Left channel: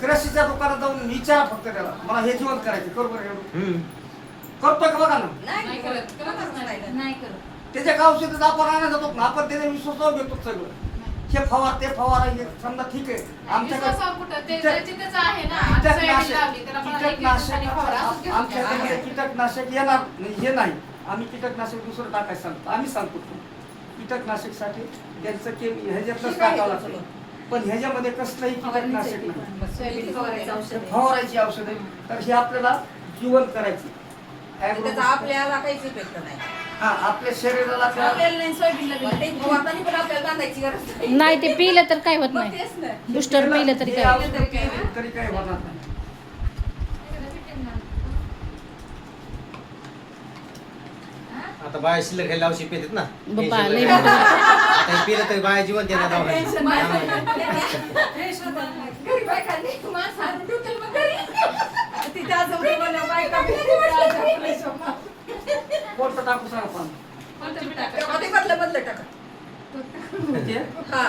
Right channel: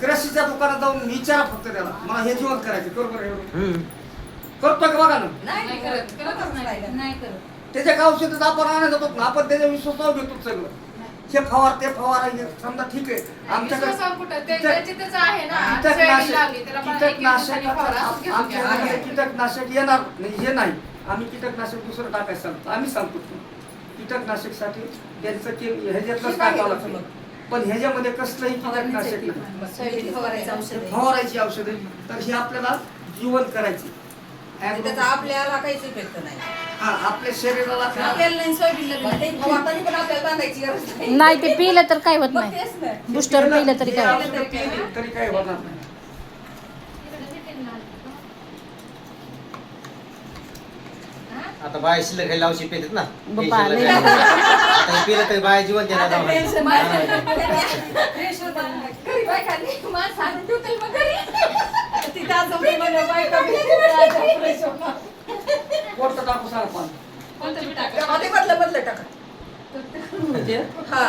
कृषीच्या दुकानात जाऊन विचारा फक्त त्याला मला हे जिवंत करायचे बरोबर एवढं करतोय का बघा ना नाही करत. त्याच्या औषध आपण आणायला जातो ना आपण त्याच्या विश्वासावर घेतो सगळं हे फवार ते फवार हे समजा ठीक आहे आमच्याकडे कीटकनाशक येणार नाही हे नाही आम्ही कीटकनाशक दुसरं टाकायचं सांगतो आम्ही सांगतो कीटकनाशकसाठी त्यांचं ह्याच्यातलंच टाकावं लागतं पण ह्याच्यामध्ये कसलंही कीटकनाशक नाही फवारायची औषधं तर हे आपल्याला जिवंत करायची आपल्याला काहीच इफेक्ट नाही हा आपल्या शरीराला नाही ते पिलं तर काय होत नाही बुस्टर पिलं तरी काय होत तरी काय होणार नाही आता बाया शिल्लक खायला औषध पितात ना बाप्पा, हे शिल्लक लय खायला. आता हे पिलं तर बाया जीवन देणार कोणतं टाकू सांग पण बदल टाका म्हणजे हा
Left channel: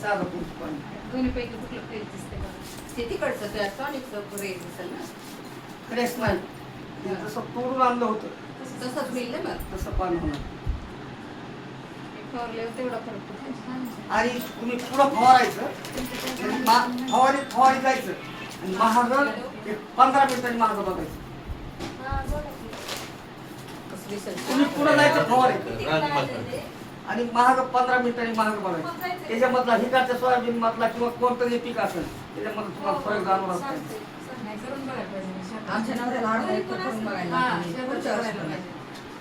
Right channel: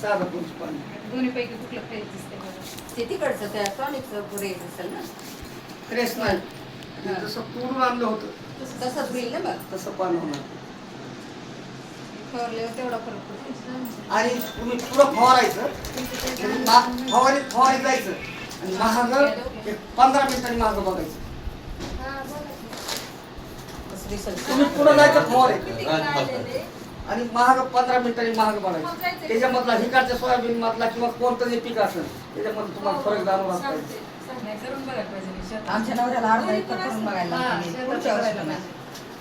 साधं पुरुष पाणी दोन्ही पैकी कुठलं फ्रेश दिसते बघा. ते तिकडचं त्या टॉनिकचं रेट असेल ना फ्रेश नाही हे जसं तोडून आणलं होतं तसंच होईल ना मग तसं पाणी होणार फवारल्यावर तेवढा फरक पडतो. आणि तुम्ही पुढं फवारायचं फवारी जायचं आणि महाग एक 15 मिनिटांनी महाग बघायचं कसं दिसेल तुम्ही पुढं जायचं फवारायचं आणि महाग 15 मिनिटांनी महाग बघायचं त्याच्यामधला हिकारच्या सोयाबीन मधला किंवा कोणतंही पीक असेल त्याच्यामध्ये तुम्हाला फरक जाणवला पाहिजे आमच्या नवऱ्याला अर्धा एकर करून बघायला पुढच्या वर्षाला नाही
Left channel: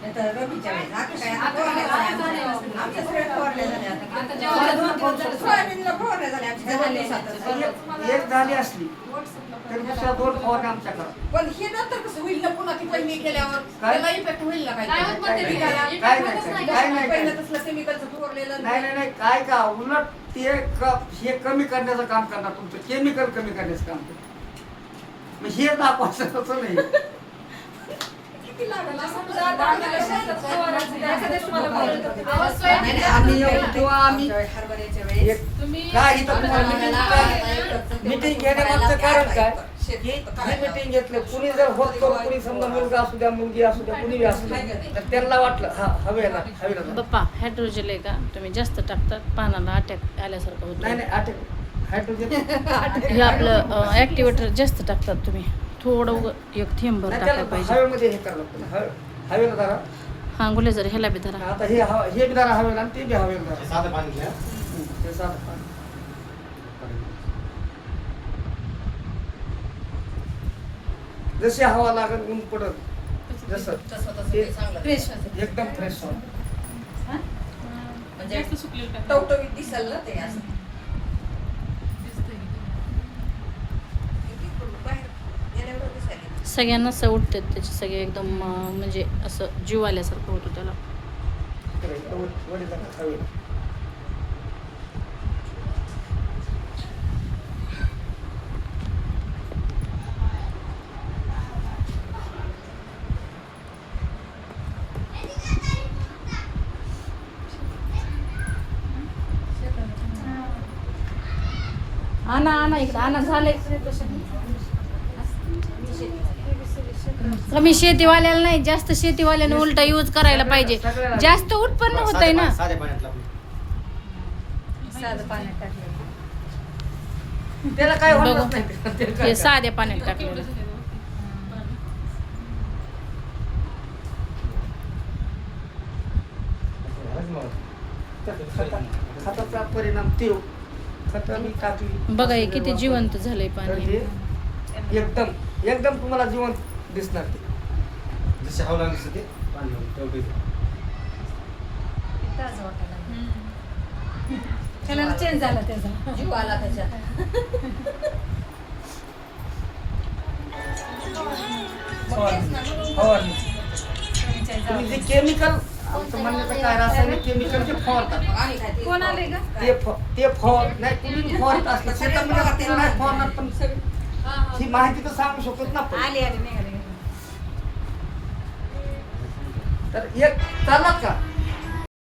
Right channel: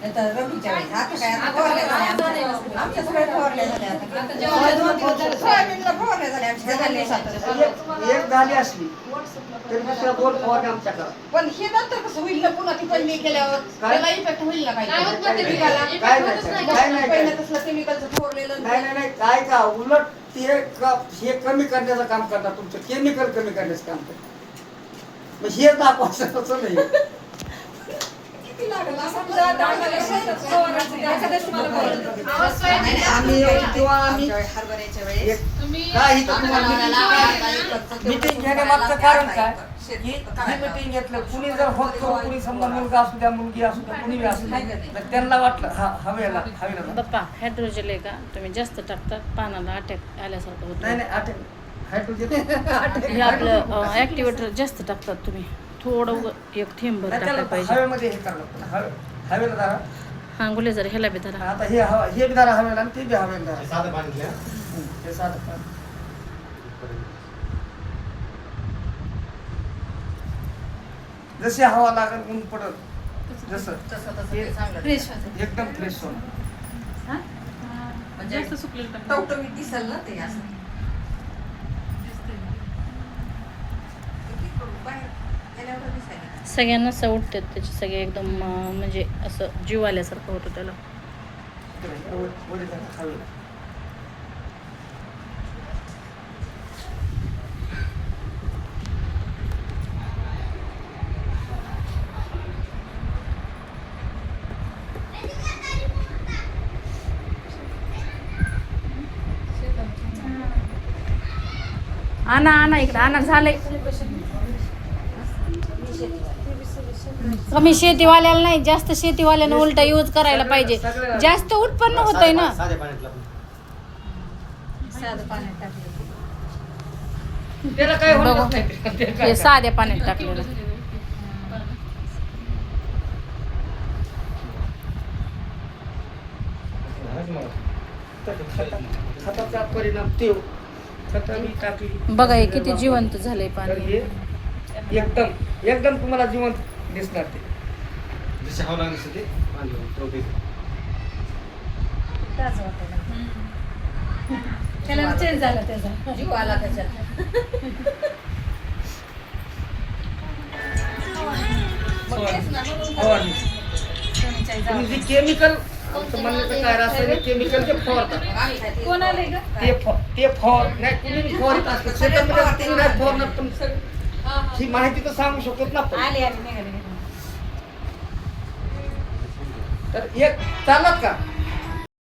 नाहीतर रब्बीच्या वेळेस आता काय आता फवारण्या झाल्या आमच्या सगळ्या फवारण्या झाल्या आता सोयाबीनला फवारण्या झाल्या आमच्या दोन दिवसातच. एक झाली असली तरी दुसऱ्या 2 फवारण्या आमच्याकडे पण हे नंतर कसं होईल ना पुन्हा ती पहिली केल्यावर त्याला इफेक्ट होईल ना काय पहिलं तसलं केमिकलचं फवारलेलं नाही नाही नाही काय का उलट ते हे कमी करण्याचं काम करणार तुमचं केमिकल कमी करण्याचं काम करणार मग हे दाखवायचं तसं नाही किती लागलं असं आम्ही हरभऱ्याच्या वेळेस मीटिंग घेण्यामागचं कारण काय ही मीटिंग घेतलं कुणी जर होत कुणी समजा मुलगा असू द्या मुलगी असू द्या कुणी असू द्या तर त्यांना वाटलं हा हवेला बाप्पा हायड्रोजन आहे का तुम्ही जास्त टाकता पानाला अटॅक आल्यासारखं होतं नाही नाही हायड्रोजन हे आपलं ऍक्टिव्हेटर जास्त टाकतात तुम्ही थोडं एक थेंब भर टाकायला पाहिजे हवेमध्ये हे करायला लागतं हवेला धरा हा गुले जर ह्याला बी धरा आता हे बी धरा हवेला आणि ते बी हवेला धरा साधं पाणी घ्या ते साधं पाणी. जशी हवा लागेल ऊन पडत जसं फ्रेश एकदम फ्रेश होणार म्हणजे टवटवीत दिसेल ना ते असं बाहेर गेल्यावर दिसायला सगळ्यांना असं उठतात त्याचे सगळे एकदम म्हणजे असं जीव आल्यासारखं होतं त्याला वडे धरा हवेला आणा इकडं आणा झालंय कमी शेतीवाल्याला नाही जास्त शेतीवाल्यानं उलटा यूज करायला पाहिजे जास्त उत्पन्न होत आहे ना साध्या पाण्यातलं साधं पाण्यात टाकलं. त्याला काय बघू होणार नाही. हे साध्या पाण्यात टाकलेलं खताचा परिणाम तेव खताने टाकली बघा हे किती जिवंत झालंय तर पाणी हे एकदम एकदम तुम्हाला जिवंत दिसणार ते जशी हवा लागली तसं ते पाणी लावून टवटवीत. ताजं वाटायला. कलर चेंज झाला त्याचा. जीव आला त्याच्यात मग तेच ना, फवारणी तुम्ही जे केमिकल तुम्हाला काय रासायनिक केमिकल ते फवारतात मग आम्ही काय ते- कोण आले का? ते फवार नाही तुम्ही फवारत असता शेतामध्ये असतील नाही फवारणार पण ही माहिती तर सांगू शकत ना आपण. आले निघाले. तर एक चाललात का